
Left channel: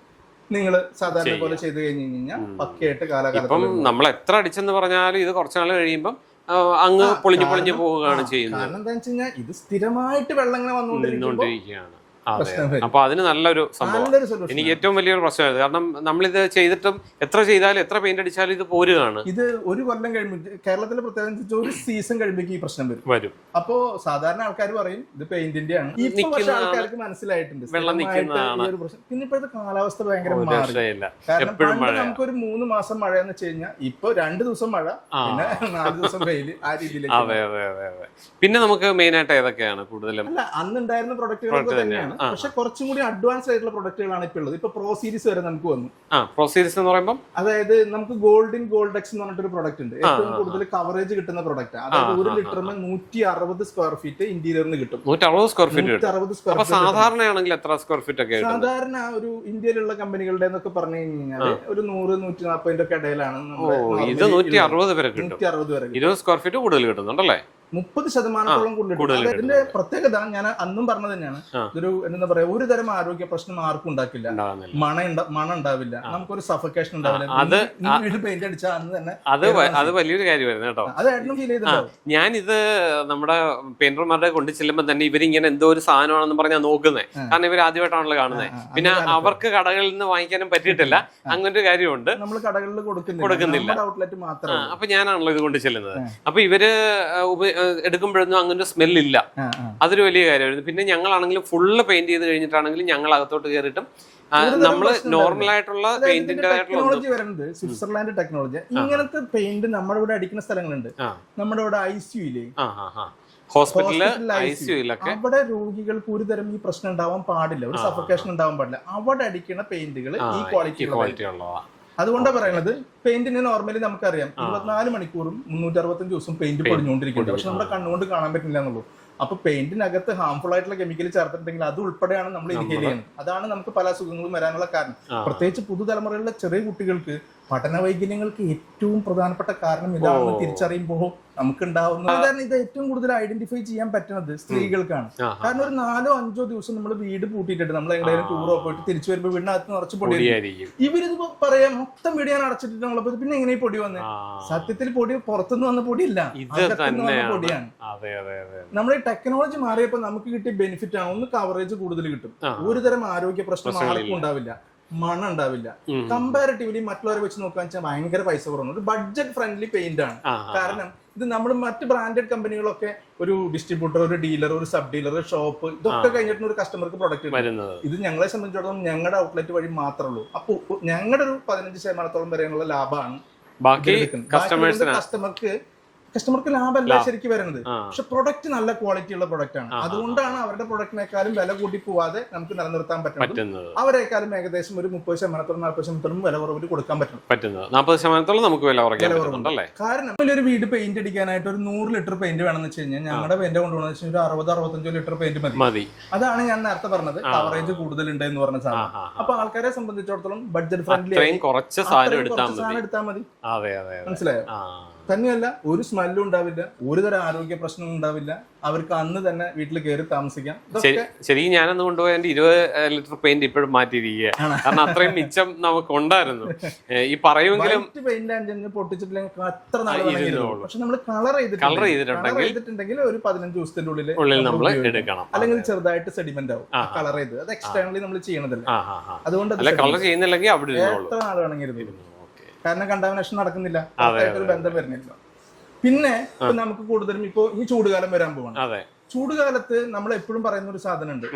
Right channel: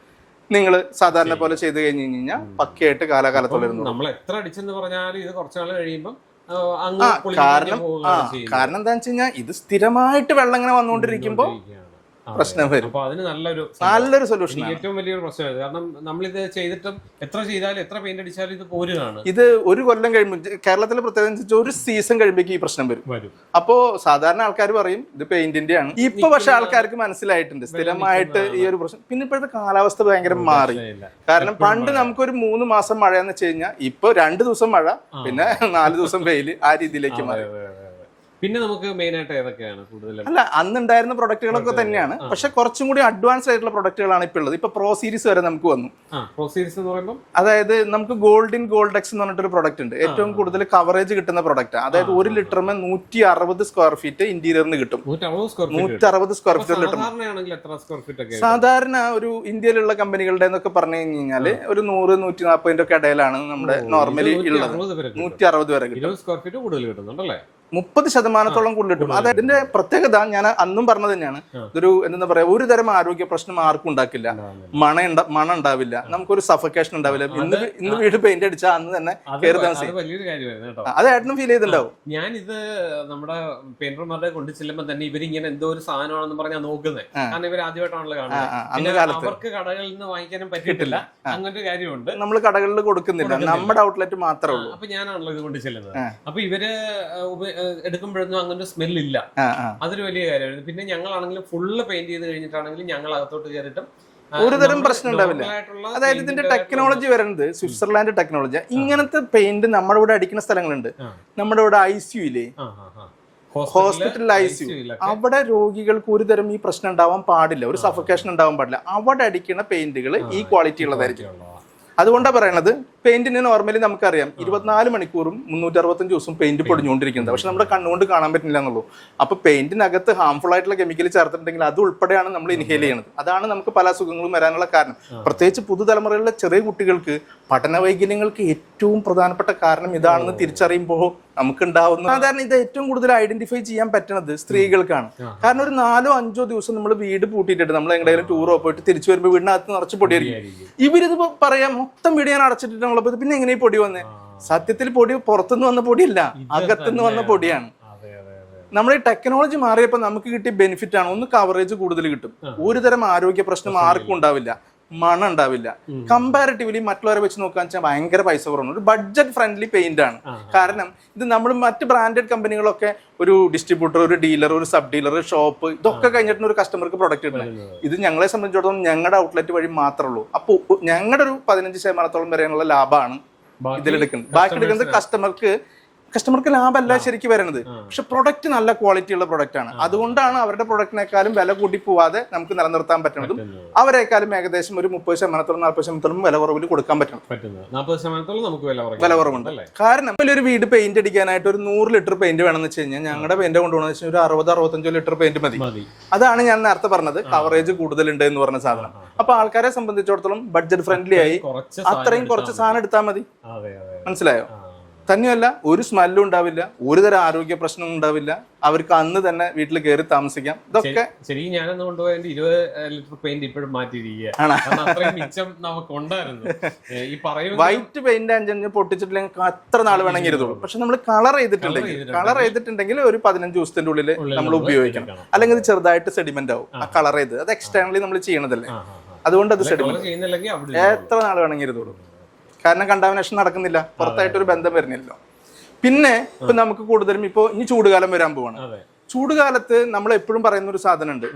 നിങ്ങൾ സാധാരണ പോലെ ചെയ്ത് കഴിഞ്ഞ് കഴിഞ്ഞാൽ പക്കയായിട്ട് കാലാകാലത്ത് നമ്മൾ എത്ര അടിച്ചെന്ന് പറഞ്ഞാലും ഇത് കുറച്ച് നാൾ കഴിയുമ്പോൾ അങ്ങ് പൊളിഞ്ഞു പോവുകയാണ് ചെയ്യുന്നത്. കാരണം എന്താ വെച്ച് കഴിഞ്ഞാൽ ഇത് സ്ഥിരമായിട്ട് വെള്ളം ഇങ്ങനെ വന്നുകൊണ്ടിരിക്കുമ്പോൾ. പ്രശ്നം വരും. അപ്പൊ അതിന് നല്ലൊരു നല്ലൊരു സൊല്യൂഷൻ എനിക്ക് ഏറ്റവും വലിയൊരു പ്രശ്നമായിരുന്നു കാരണം നമ്മളിത് ചെയ്തിട്ടും എത്ര ചെയ്താലും എത്ര പെയിന്റ് അടിച്ചാലും ഇത് പോരുകയാണ്. ഇത് ഒരു കൊല്ലം കഴിയുമ്പോൾ കേരളത്തിലെ പ്രത്യേകത ഒരു സീസൺ കഴിയുമ്പോൾ ഈ പ്രശ്നം വരും. വരും. അപ്പോ സാധാരണ ആൾക്കാർ പറയും ഇത് പെയിന്റിന്റെ ആണ്. ഇപ്പൊ പക്ഷെ ആൾക്കാർക്ക് മനസ്സിലായിട്ടുണ്ട്. സ്ഥിരമായിട്ട് ഈ ഒരു പ്രശ്നം. പിന്നെ ഇപ്പോഴത്തെ കാലാവസ്ഥ ഭയങ്കര മാറി. കാരണം പണ്ട് നമുക്ക് ഒരു മൂന്ന് മാസം മഴ എന്ന് വെച്ച് കഴിഞ്ഞാൽ ഇപ്പൊ രണ്ട് ദിവസം മഴ പിന്നെ നാല് ദിവസം വെയിൽ ആ രീതിയിലേക്ക് പിന്നെ നമുക്ക് മെയിൻ ആയിട്ട് ഏതൊക്കെയാണ് കൂടുതലും? അല്ല അന്ന് ഉണ്ടായിരുന്ന പ്രൊഡക്റ്റുകളൊക്കെ തന്നെയാണ്. പക്ഷെ കുറച്ചും കൂടി അഡ്വാൻസ്ഡ് ആയിട്ടുള്ള പ്രൊഡക്റ്റുകളാണ് ഇപ്പൊ ഉള്ളത്. ഇപ്പൊ പ്രോ സീരീസ് വരെ നമുക്ക് വന്നു. പ്രോ സീരീസ് എന്ന് പറയുമ്പോൾ അതായത് നമുക്ക് ഗോൾഡ് ഇൻ ഗോൾഡ് എക്സ് എന്ന് പറഞ്ഞിട്ടൊരു പ്രൊഡക്റ്റ് ഉണ്ട്. ഏറ്റവും കൂടുതൽ കവറേജ് കിട്ടുന്ന പ്രൊഡക്റ്റ് അതായത് ഒരു ലിറ്ററിന് നൂറ്റി അറുപത് സ്ക്വയർ ഫീറ്റ് ഇന്റീരിയറിന് കിട്ടും. നൂറ്റി അറുപത് സ്ക്വയർ ഫീറ്റ് സ്ക്വയർ ഫീറ്റ് സാധാരണയാണെങ്കിൽ എത്ര സ്ക്വയർ ഫീറ്റ് ഒക്കെ സാധാരണ ഒരു ഇന്ത്യയിലുള്ള കമ്പനികളുടെ എന്നൊക്കെ പറഞ്ഞു കഴിഞ്ഞാൽ ഒരു നൂറ് നൂറ്റി നാൽപ്പതിന്റെ ഒക്കെ ഇടയിലാണ് നമ്മുടെ നോർമലി നൂറ്റി അറുപത് വരെ സ്ക്വയർ ഫീറ്റ് കൂടുതൽ കിട്ടുന്നുണ്ടല്ലേ? മുപ്പത് ശതമാനത്തോളം കൂടുതൽ കൂടുതൽ അതിന്റെ പ്രത്യേകത ഞാൻ അന്നും പറഞ്ഞത് തന്നെയാണ്. ഇതൊരു എന്താ പറയാ ഒരു തരം ആരോഗ്യ പ്രശ്നം ആർക്കും ഉണ്ടാക്കില്ല. മണ ഉണ്ട- മണം ഉണ്ടാവില്ല. നമുക്കൊരു സഫക്കേഷൻ ഉണ്ടാവില്ല. ഇന്ന് വീട് പെയിന്റ് അടിച്ചാൽ അന്ന് തന്നെ അത്. അത് വലിയൊരു കാര്യമായിരുന്നു കേട്ടോ. അത് ഏട്ടനും ഫീൽ ചെയ്തിട്ടുണ്ടാവും. ഞാൻ ഇത് നമ്മുടെ പെയിന്റർമാരുടെ കൊണ്ട് ചെല്ലുമ്പോൾ തന്നെ ഇവരിങ്ങനെ എന്തോ ഒരു സാധനമാണെന്ന് പറഞ്ഞാൽ നോക്കുന്നത്. കാരണം ഇവർ ആദ്യമായിട്ടാണല്ലോ കാണുന്നത് പിന്നെ അവർക്ക് കടകളിൽ നിന്ന് വാങ്ങിക്കാനും പറ്റിയിട്ടില്ല. അങ്ങനെ ഒരു കാര്യമുണ്ട്. നമ്മൾ കടകളിൽ കൊടുക്കുന്നില്ല. നമ്മുടെ ഔട്ട്ലെറ്റ് മാത്രമേ അപ്പൊ ഞാനാണല്ലോ ഇത് കൊണ്ട് ചെല്ലുന്നത്. അപ്പൊ ഇവർ എടുക്കുമ്പോഴൊന്നും അങ്ങനെ സ്മെല്ലില്ല. അതൊരു വലിയ കാര്യമായിരുന്നു. പിന്നെ ഞങ്ങളാണെങ്കിലും ഫുള്ള് പെയിന്റ് ചെയ്ത് കഴിഞ്ഞിട്ടാണെങ്കിലും ഞങ്ങൾ അകത്തോട്ട് കയറിയിട്ടും ഇതിന്റെ ടെക്നോളജി വരുന്നത് സ്വിറ്റ്സർലാൻഡ് ടെക്നോളജി ഇങ്ങനത്തെ പെയിന്റ് നമ്മുടെ ഇവിടെ അടിക്കുന്ന സ്ഥലങ്ങളുണ്ട്. നമ്മുടെ ഇവിടെ ഐ ആ. ഹോസ്പിറ്റലിൽ ഹോസ്പിറ്റലിൽ ഐ സി ICU-ലൊക്കെ അവിടെ രോഗികൾക്ക് ഒരു തരം ഈ പ്രശ്നം ഉണ്ടാവാൻ പാടില്ല. ഒരു സഫക്കേഷൻ ഉണ്ടാവാൻ പാടില്ല. അവിടെ അടിക്കുന്ന പെയിന്റുകൾ ഈ ക്വാളിറ്റി ഉള്ളതായിരിക്കും. അതുകൊണ്ടാണ് പറയണത് പെയിന്റിന് നോർമലി നമുക്കറിയാം. ഇരുപത്തിനാല് മണിക്കൂറും മുന്നൂറ്റി അറുപത്തഞ്ച് ദിവസം പെയിന്റ് പൊടിഞ്ഞുകൊണ്ടിരിക്കുന്നത് പക്ഷെ നമ്മുടെ കണ്ണുകൊണ്ട് കാണാൻ പറ്റില്ല എന്നുള്ളൂ. അപ്പൊ പെയിന്റിനകത്ത് ഹാംഫുൾ ആയിട്ടുള്ള കെമിക്കൽ ചേർത്തിട്ടുണ്ടെങ്കിൽ അത് ഉൾപ്പെടെയാണ് നമ്മൾ ഇൻഹേൽ ചെയ്യുന്നത് അതാണ് നമുക്ക് പല അസുഖങ്ങളും വരാനുള്ള കാരണം. പ്രത്യേകിച്ച് പുതുതലമുറയിലെ ചെറിയ കുട്ടികൾക്ക് പഠന വൈകല്യങ്ങൾക്ക് ഏറ്റവും പ്രധാനപ്പെട്ട കാരണം ഇതാണെന്ന് തിരിച്ചറിയുമ്പോൾ നമുക്ക് ഉണ്ടാവുന്ന സാധാരണ ഇത് ഏറ്റവും കൂടുതൽ ഐഡന്റിഫൈ ചെയ്യാൻ പറ്റുന്നത് സ്ത്രീകൾക്കാണ്. കാരണം ഒരു നാലോ അഞ്ചോ ദിവസം നമ്മൾ വീട് പൂട്ടിയിട്ടുണ്ട് നമ്മൾ എങ്ങനെയും ടൂറോ പോയിട്ട് തിരിച്ചു വരുമ്പോൾ വീടിനകത്ത് നിറച്ച് പൊടിയായിരിക്കും. ഇവരിത് പറയാം മൊത്തം വീട് ഞാൻ അടച്ചിട്ടുള്ളത് പിന്നെ എങ്ങനെ ഈ പൊടി വന്നേ? സത്യത്തിൽ പൊടി പുറത്തുനിന്ന് വന്ന പൊടിയല്ല അകത്തുനിന്ന് വന്ന പൊടിയാണ്. നമ്മുടെ ഈ ടെക്നോളജി മാറിയപ്പോൾ നമുക്ക് കിട്ടിയ ബെനിഫിറ്റ് ആണ്. ഒന്ന് കവറേജ് കൂടുതൽ കിട്ടും. ഒരു തരം ആരോഗ്യ പ്രശ്നം ആർക്കും ഉണ്ടാവില്ല. മണം ഉണ്ടാവില്ല. കമ്പാരിറ്റീവ്ലി മറ്റുള്ളവരെ വെച്ച് നോക്കാൻ വെച്ചാൽ ഭയങ്കര പൈസ കുറവുണ്ട്. ഒരു ബഡ്ജറ്റ് ഫ്രണ്ട്ലി പെയിന്റ് ആണ്. കാരണം ഇത് നമ്മൾ മറ്റ് ബ്രാൻഡഡ് കമ്പനികളൊക്കെ ഒരു ഡിസ്ട്രിബ്യൂട്ടർ ഒരു ഡീലർ ഒരു സബ് ഡീലർ ഷോപ്പ് ഇതൊക്കെ കഴിഞ്ഞിട്ട് ഒരു കസ്റ്റമർക്ക് പ്രൊഡക്റ്റ് ഇത് ഞങ്ങളെ സംബന്ധിച്ചിടത്തോളം ഞങ്ങളുടെ ഔട്ട്ലെറ്റ് വഴി മാത്രമേ ഉള്ളൂ അപ്പോൾ ഞങ്ങളുടെ ഒരു പതിനഞ്ച് ശതമാനത്തോളം വരെയുള്ള ലാഭമാണ് കസ്റ്റമർക്ക് കസ്റ്റമർക്ക് ലാഭമല്ല ശരിക്കും വരുന്നത്. പക്ഷെ പ്രൊഡക്റ്റ് നല്ല ക്വാളിറ്റി ഉള്ള പ്രൊഡക്റ്റ് ആണ്. അതുകൊണ്ടാണ് അവരുടെ പ്രൊഡക്റ്റിനേക്കാളും വില കൂട്ടി പോവാതെ നമുക്ക് നിലനിർത്താൻ പറ്റുന്നതും അവരെക്കാളും ഏകദേശം ഒരു മുപ്പത് ശതമാനത്തോളം നാൽപ്പത് ശതമാനത്തോളം വില കുറവിൽ കൊടുക്കാൻ പറ്റണം. പറ്റുന്നത്. നാൽപ്പത് ശതമാനത്തോളം നമുക്ക് വില കുറവുണ്ട്. അല്ലേ കാരണം ഒരു വീട് പെയിന്റ് അടിക്കാനായിട്ട് ഒരു നൂറ് ലിറ്റർ പെയിന്റ് വേണമെന്ന് വെച്ച് കഴിഞ്ഞാൽ ഞങ്ങളുടെ പെയിന്റ് കൊണ്ടുപോകണമെന്ന് വെച്ചാൽ ഒരു അറുപത് അറുപത്തഞ്ചോ ലിറ്റർ പെയിന്റ് മതി. അതാണ് ഞാൻ നേരത്തെ പറഞ്ഞത്. കവറേജ് കൂടുതലുണ്ട് എന്ന് പറഞ്ഞ സാധനം. അപ്പൊ ആൾക്കാരെ സംബന്ധിച്ചിടത്തോളം ബഡ്ജറ്റ് ഫ്രണ്ട്ലി ആയി അത്രയും കുറച്ച് സാധനം എടുത്താൽ മതി. മനസ്സിലായോ? തന്നെയല്ല ഒരു സ്മെല്ലും ഉണ്ടാവില്ല ഒരു തരം ആരോഗ്യ പ്രശ്നവും ഉണ്ടാവില്ല. അവർക്ക് അന്ന് തന്നെ വീട്ടിൽ കയറി താമസിക്കാം. ഇതൊക്കെ ശരിക്കും ഞാനന്ന് കൊണ്ടുപോയ എന്റെ ഇരുപത് ലിറ്റർ പെയിന്റ് ഇപ്പോഴും മാറ്റിയിരിക്കുകയാണ്. കാരണം അത്രയും മിച്ചം നമുക്ക് ഉണ്ടായിരുന്നു ഈ പറയും വൈറ്റ് പെയിന്റ് അഞ്ചഞ്ച് പൊട്ടിച്ചിട്ടില്ലെങ്കിൽ അത്ര നാൾ വേണമെങ്കിൽ പക്ഷെ നമ്മൾ കളർ ചെയ്തിട്ട് ചെയ്തിട്ടുണ്ട്. കളർ ചെയ്തിട്ടുണ്ടെങ്കിൽ ഒരു പതിനഞ്ച് ദിവസത്തിന്റെ ഉള്ളിൽ നമ്മൾ ഉപയോഗിക്കണം അല്ലെങ്കിൽ ചെറുതായിട്ട് സെഡിമെന്റ് ആവും. കളർ ചെയ്ത്. അത് എക്സ്റ്റേണലി നമ്മൾ ചെയ്യണതല്ലേ. അതുകൊണ്ട് അത് കളർ ചെയ്യുന്നില്ലെങ്കിൽ എത്ര നാൾ വേണമെങ്കിൽ ഇരുന്നോളൂ. കാരണം കണ്ടാമിനേഷൻ നടക്കുന്നില്ല. പുറത്തായിട്ടൊരു ബന്ധം വരുന്നില്ല. പിന്നെ ഇപ്പൊ നമുക്ക് കൂടുതലും ഇപ്പൊ ഇനി ചൂടുകാലം വരാൻ പോവാണ്. അതെ. ചൂടുകാലത്ത് നമ്മൾ എപ്പോഴും പറയുന്ന ഒരു സാധനം ഉണ്ട്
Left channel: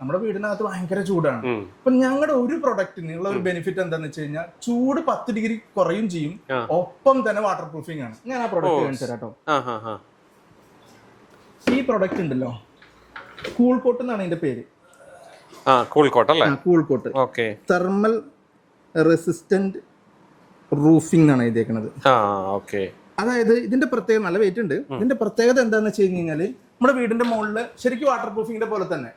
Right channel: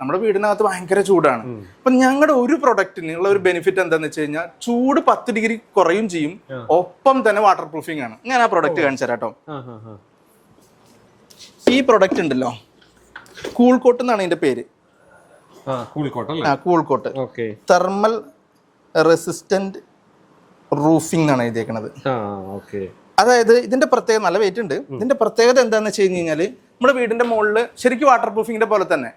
നമ്മുടെ വീടിനകത്ത് ഭയങ്കര ചൂടാണ്. അപ്പൊ ഞങ്ങളുടെ ഒരു പ്രൊഡക്റ്റിന് ഉള്ള ഒരു ബെനിഫിറ്റ് എന്താന്ന് വെച്ച് കഴിഞ്ഞാൽ ചൂട് പത്ത് ഡിഗ്രി കുറയും ചെയ്യും. ഒപ്പം തന്നെ വാട്ടർ പ്രൂഫിംഗ് ആണ്. ഞാൻ ആ പ്രൊഡക്റ്റ് കാണിച്ചു തരാം കേട്ടോ ആ ആ ആ ഈ പ്രൊഡക്റ്റ് ഉണ്ടല്ലോ. കൂൾ കോട്ട് എന്നാണ് ഇതിന്റെ പേര്. ആ കൂൾ കോട്ട് അല്ലേ? Cool coat okay. Thermal resistant roofing ആണ് എഴുതിയേക്കണത്. ആ ഓക്കെ. അതായത് ഇതിന്റെ പ്രത്യേകത നല്ല വെയിറ്റ് ഉണ്ട്. ഇതിന്റെ പ്രത്യേകത എന്താന്ന് വെച്ച് കഴിഞ്ഞ് കഴിഞ്ഞാൽ നമ്മുടെ വീടിന്റെ മുകളിൽ ശരിക്കും വാട്ടർ പ്രൂഫിങ്ങിന്റെ പോലെ തന്നെ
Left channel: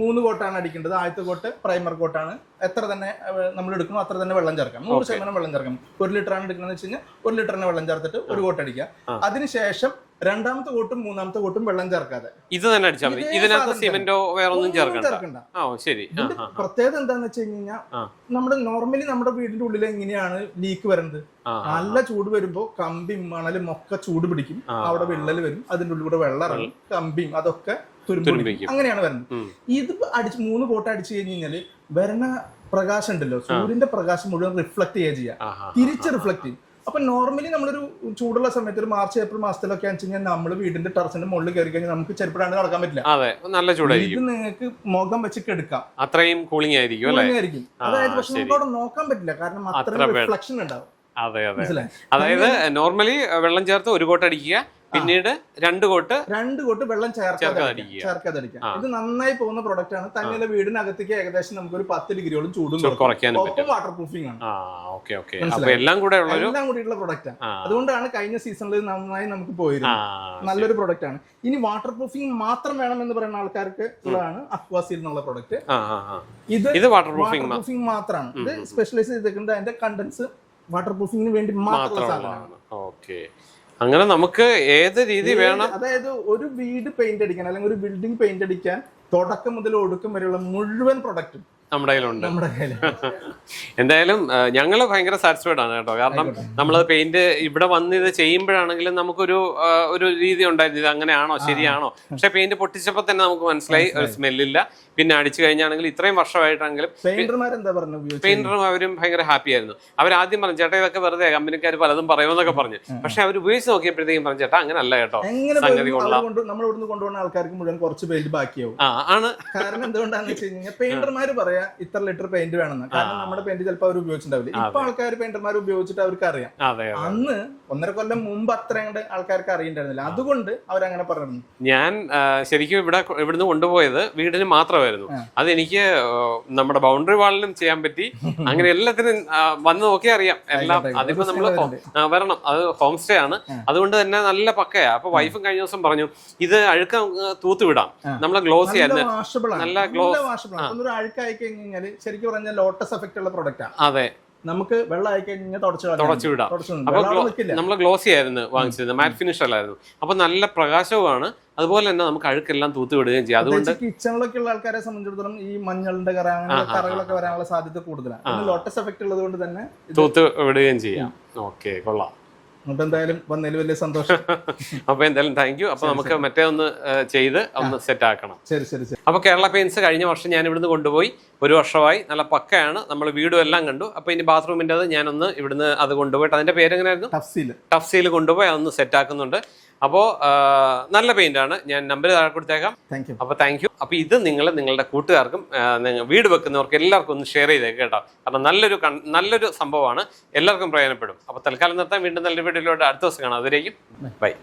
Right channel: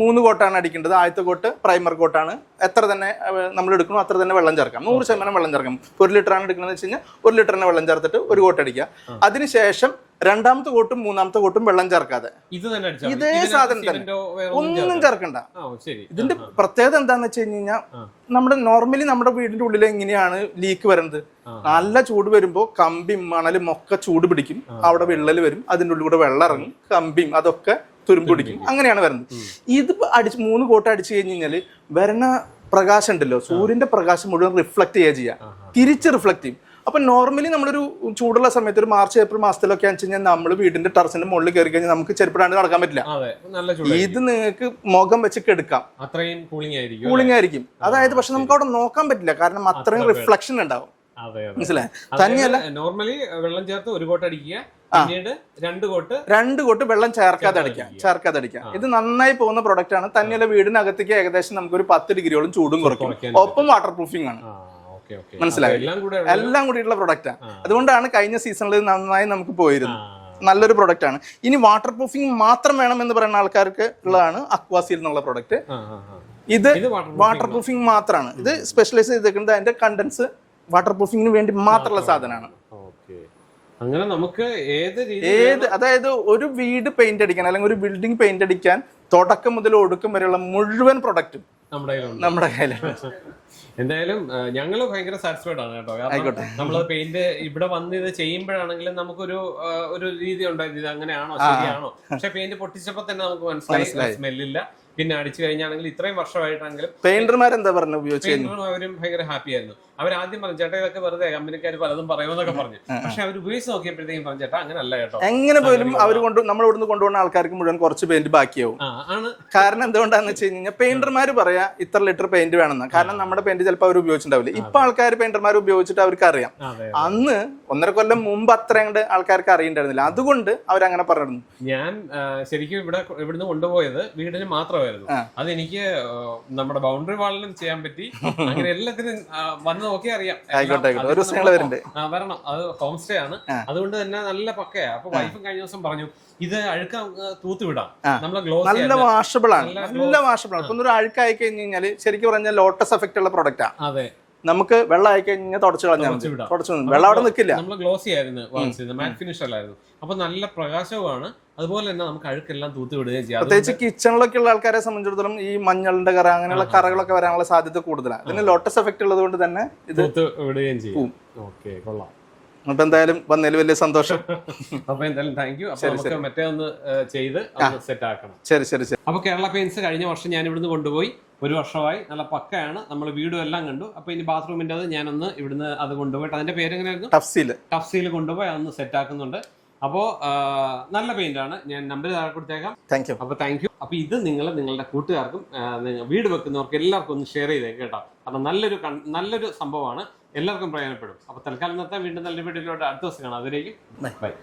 മൂന്ന് കോട്ടാണ് അടിക്കേണ്ടത്. ആദ്യത്തെ കോട്ട് പ്രൈമർ കോട്ടാണ്. എത്ര തന്നെ നമ്മൾ എടുക്കണോ അത്ര തന്നെ വെള്ളം ചേർക്കാം. നൂറ് ശതമാനം വെള്ളം ചേർക്കാം. ഒരു ലിറ്റർ ആണ് എടുക്കുന്നത് വെച്ച് കഴിഞ്ഞാൽ ഒരു ലിറ്ററിന് വെള്ളം ചേർത്തിട്ട് ഒരു കോട്ട് അടിക്കുക. അതിനുശേഷം രണ്ടാമത്തെ കോട്ടും മൂന്നാമത്തെ കോട്ടും വെള്ളം ചേർക്കാതെ. ഇത് തന്നെ അടിച്ചാൽ മതി. ഇതേ ഇതിനകത്ത് സാധനം തന്നെ. സിമെന്റോ വേറെ ഒന്നും ഒന്നും ചേർക്കണ്ട? ചേർക്കണ്ട. ആ ഓ, ശരി. ആ, ഇതിന്റെ ആ, പ്രത്യേകത എന്താന്ന് വെച്ച് കഴിഞ്ഞ് കഴിഞ്ഞാൽ ആ. നമ്മുടെ നോർമലി നമ്മുടെ വീടിന്റെ ഉള്ളിൽ എങ്ങനെയാണ് ലീക്ക് വരുന്നത്? ആ, നല്ല ചൂട് വരുമ്പോ കമ്പിയും മണലും ഒക്കെ ചൂട് പിടിക്കും. അവിടെ വിള്ളൽ വരും. അതിന്റെ ഉള്ളിൽ കൂടെ വെള്ളം ഇറങ്ങും. കമ്പിയും അതൊക്കെ തുരുമ്പ് പിടിക്കും. അങ്ങനെയാണ് വരുന്നത്. ഇത് അടിച്ച് മൂന്ന് കോട്ട അടിച്ചു കഴിഞ്ഞ് കഴിഞ്ഞാൽ വരണ പ്രകാശം ഉണ്ടല്ലോ. സൂര്യന്റെ പ്രകാശം മുഴുവൻ റിഫ്ലക്ട് ചെയ്യുക ചെയ്യുക ആഹാ. തിരിച്ച് റിഫ്ലക്ട് ചെയ്യും. അപ്പൊ നോർമലി നമ്മളൊരു ചൂടുള്ള സമയത്ത് ഒരു മാർച്ച് ഏപ്രിൽ മാസത്തിലൊക്കെ വെച്ച് കഴിഞ്ഞാൽ നമ്മൾ വീടിന്റെ ടെറസിന്റെ മുകളിൽ കയറി കഴിഞ്ഞാൽ നമുക്ക് ചെരുപ്പിടാണ്ട് നടക്കാൻ പറ്റില്ല. അതെ നല്ല ഇത് നിങ്ങൾക്ക് മുഖം വെച്ച് കെടുക്കാം. അത്രയും കൂളിംഗ് ആയിരിക്കും കൂളിംഗ് ആയിരിക്കും. അതായത് പക്ഷെ നമുക്ക് അവിടെ നോക്കാൻ പറ്റില്ല. കാരണം അത്രയും റിഫ്ലക്ഷൻ ഉണ്ടാവും. മനസ്സിലായി? അതായത് നോർമലി വെള്ളം ചേർത്ത് ഒരു കോട്ട് അടിക്കുക പിന്നീട് രണ്ട് കോട്ട് രണ്ട് കോട്ട് വെള്ളം ചേർക്കാതെ ചേർക്കാതെ അടിക്കാം അടിക്കുക. ചേർക്കാതെ അടിക്കാം ഇത് നന്നായി പോകുന്ന പ്രൊഡക്റ്റ് ആണ്. തന്നെയല്ല വീടിനകത്തേക്ക് ഏകദേശം നമുക്ക് ഒരു പത്ത് ഡിഗ്രിയോളം ചൂടും കുറയ്ക്കും. ഒപ്പം വാട്ടർ പ്രൂഫിംഗ് ആണ്. മനസ്സിലായി. എല്ലാം കൂടെ എല്ലാം കൂടിയുള്ള പ്രൊഡക്റ്റാണ് അതുകൊണ്ടാണ് കഴിഞ്ഞ സീസണിൽ നന്നായി നമുക്ക് പോയിരുന്നത് നല്ലൊരു പ്രൊഡക്റ്റ് ആണ്. ഇനി വാട്ടർ പ്രൂഫിംഗ് മാത്രം വേണം എന്ന് പറയുന്ന ആൾക്കാർക്ക് ഉള്ളതാണ് അക്വാസീൽ എന്നുള്ള പ്രൊഡക്റ്റ്. ഇത് വാട്ടർ പ്രൂഫിംഗ് മാത്രമാണ് ഇത് സ്പെഷ്യലൈസ് ചെയ്തിരിക്കുന്നത് അതിന്റെ കണ്ടൻസ് വാട്ടർ പ്രൂഫിംഗിന് വേണ്ടി മാത്രമുള്ള സാധനമാണ്. ഓക്കെ. അങ്ങനെ നമുക്ക് ഏത് രീതി അതായത് ഒരു വീട് പെയിന്റ് അടിക്കാൻ അല്ലെങ്കിൽ ഒരു ബിൽഡിംഗ് പെയിന്റ് അടിക്കാൻ തുടക്കം മുതൽ ഒടുക്കം വരെയുള്ള മുഴുവൻ പ്രൊഡക്റ്റും നമ്മുടെ കയ്യിലുണ്ട്. നമ്മുടെ കയ്യിലുണ്ട്. എന്തായാലും ഞങ്ങൾ ഭയങ്കര സാറ്റിസ്ഫൈഡ് ആണ് കേട്ടോ. കാരണം നമ്മൾ പെയിന്റ് ഇവിടെ വന്ന് ഇത് ചെയ്യുമ്പോഴാണെങ്കിലും നമുക്കൊരു ഒരു രീതി ഉണ്ടായിരുന്നു. ഇത് അങ്ങനെയാണോ? ശരിയാണോ? പക്ഷെ പെയിന്റ് പൊട്ടിച്ചപ്പോ തന്നെ നമുക്ക് മനസ്സിലായി സ്മെല്ലില്ല പിന്നെ അടിച്ചു കഴിഞ്ഞാണെങ്കിൽ ഇത്രയും വർഷമായിട്ടാണെങ്കിലും പെയിന്റർമാർ എന്താ പറഞ്ഞു പെയിന്ററും അവരും ഭയങ്കര ഹാപ്പി ആയിരുന്നു. അവർ ആദ്യം പറഞ്ഞു ചേട്ടാ ഇതൊക്കെ വെറുതെ കമ്പനിക്കാർ പലതും പറയുമെന്നൊക്കെ പറഞ്ഞു. പക്ഷെ അവർ ഉപയോഗിച്ച് നോക്കിയപ്പോഴത്തേക്കും പറഞ്ഞു ചേട്ടാ അങ്ങനെ അല്ല കേട്ടോ. എങ്ങനെ പോലും അവർ കൊണ്ട് നമ്മൾ ഇവിടുന്ന് കൊണ്ടുപോകുന്ന ആൾക്കാർക്ക് മുഴുവൻ കുറച്ച് പെയിന്റ് ബാക്കിയാവും. ആണ്. കാരണം എന്തുകൊണ്ടാന്ന് വെച്ച് കഴിഞ്ഞാൽ പെയിന്റർമാർ പറയാ ഇത്ര ലിറ്റർ പെയിന്റ് വേണമെന്ന്. കാരണം നമ്മുടെ പെയിന്റ് ചിലപ്പോൾ അവർ ഉപയോഗിച്ചിട്ടുണ്ടാവില്ല. ഇപ്പൊ ആൾക്കാർ പെയിന്റർമാർ ഉപയോഗിച്ചിട്ട് അവർക്ക് അറിയാം അന്ന് ഒന്നര കൊല്ലം മുമ്പ് അത്ര അങ്ങോട്ട് ആൾക്കാർക്ക് അറിയണ്ടായിരുന്നില്ല. അതുകൊണ്ട് അവരങ്ങനെ പറഞ്ഞിരുന്നു. ഞാൻ ശരിക്കും ഇവിടെ ഇവിടുന്ന് കൊണ്ടുപോയത് വീടിന് മാത്രമായിരുന്നു അതെനിക്ക് എനിക്ക് നമ്മുടെ ബൗണ്ടറി വാളിലും ചെയ്യാൻ പറ്റി. അങ്ങനെ എല്ലാത്തിനും വന്ന് നോക്കി അറിയാം. വരണം. അത് ഹോം സ്റ്റേ ആണ്. അതുകൊണ്ട് തന്നെ നല്ല പക്കയാ. അപ്പൊ വൈഫും കഴിഞ്ഞ ദിവസം പറഞ്ഞു ഇത് അഴുക്ക തൂത്ത് വിടാം. നമ്മളെ ഗ്ലോസ് വാഷബിൾ ആണ്. നല്ല വാഷബിൾ ആണ്. ഒന്നൊരു അഴുക്കായി കഴിഞ്ഞു കഴിഞ്ഞാൽ ശരിക്കും പറഞ്ഞാൽ ലോട്ടസ് എഫക്റ്റ് ഉള്ള പ്രോഡക്റ്റാ അതെ. നമുക്ക് വെള്ളം ആയി കഴിഞ്ഞാൽ തുടച്ചു തുടച്ചു വിടാം. തുടച്ചു വെള്ളം അവിടെ നിൽക്കില്ല നമ്മൾ ഗ്ലോസി ആയിരുന്നു വാങ്ങിച്ചിരുന്നത്. മാറ്റ് ഫിനിഷ് അല്ലായിരുന്നു. അപ്പൊ നല്ല പ്രകാശവുമാണ്. അതുപോലെ തന്നെ നമുക്ക് അഴുക്കെല്ലാം തൂത്ത് വിടുകയും ചെയ്യാം. പ്രത്യേകിച്ച് കിച്ചണിലൊക്കെ ഉള്ള ആൾക്കാരെ സംബന്ധിച്ചിടത്തോളം ഈ മഞ്ഞളിന്റെ കറ അങ്ങനെയുള്ള കറകളൊക്കെ വരാനുള്ള സാധ്യത കൂടുതലാണ്. പിന്നെ ലോട്ടസ് എഫക്ട് ഉള്ളത് കൊണ്ട് തന്നെ തൂത്ത് വിടുകയും ചെയ്യാം. ഓക്കെ കൊള്ളാം. അപ്പൊ എന്തായാലും വന്നതിൽ വലിയ സന്തോഷം. അപ്പൊ എന്തായാലും താങ്ക് യു അപ്പൊ നമുക്ക് മറ്റേ ഒന്ന് ചെയ്ത് ഒന്ന് സെറ്റ് ആക്കണം. ശരി ശരി ശരി. അപ്പൊ കേരള പെയിൻസ് കഴിഞ്ഞ വർഷം ഞാൻ ഇവിടുന്ന് കൊണ്ടുപോയി. ഒരു വർഷമായി നല്ല പക്കയാണ്. നമ്മൾ വീടും എല്ലാം കണ്ടു. അപ്പൊ ഇനി ബാത്റൂമിന്റെ അത് ഞാനൊന്ന് ഇവിടുന്ന് അത് കൊണ്ടുപോയിട്ട് അതിന്റെ പേര് എങ്ങനെയായിരുന്നു ടഫ്സീൽ ടഫ്സിയിൽ കൊണ്ടുപോയി അതൊന്ന് സെറ്റ് ആക്കുന്നുണ്ട് അപ്പോൾ നല്ല പെയിന്റ് ആണ് ഞാൻ നമ്പർ താഴെ കൊടുത്തേക്കാം. താങ്ക് യു അപ്പോൾ താങ്ക് യു അപ്പോൾ ഇത് നിങ്ങൾ നിങ്ങളുടെ കൂട്ടുകാർക്കും വീട് വെക്കുന്നവർക്ക് എല്ലാവർക്കും ഒന്ന് ഷെയർ ചെയ്തേക്ക് കേട്ടോ. കാരണം നല്ലൊരു നല്ലൊരു സംഭവമാണ്. എല്ലാവർക്കും പ്രയോജനപ്പെടും. അപ്പോൾ തൽക്കാലം നിർത്താൻ വീണ്ടും നല്ല വീഡിയോയിലോട്ട് അടുത്ത ദിവസം കാണാം. അതിലേക്കും ബൈ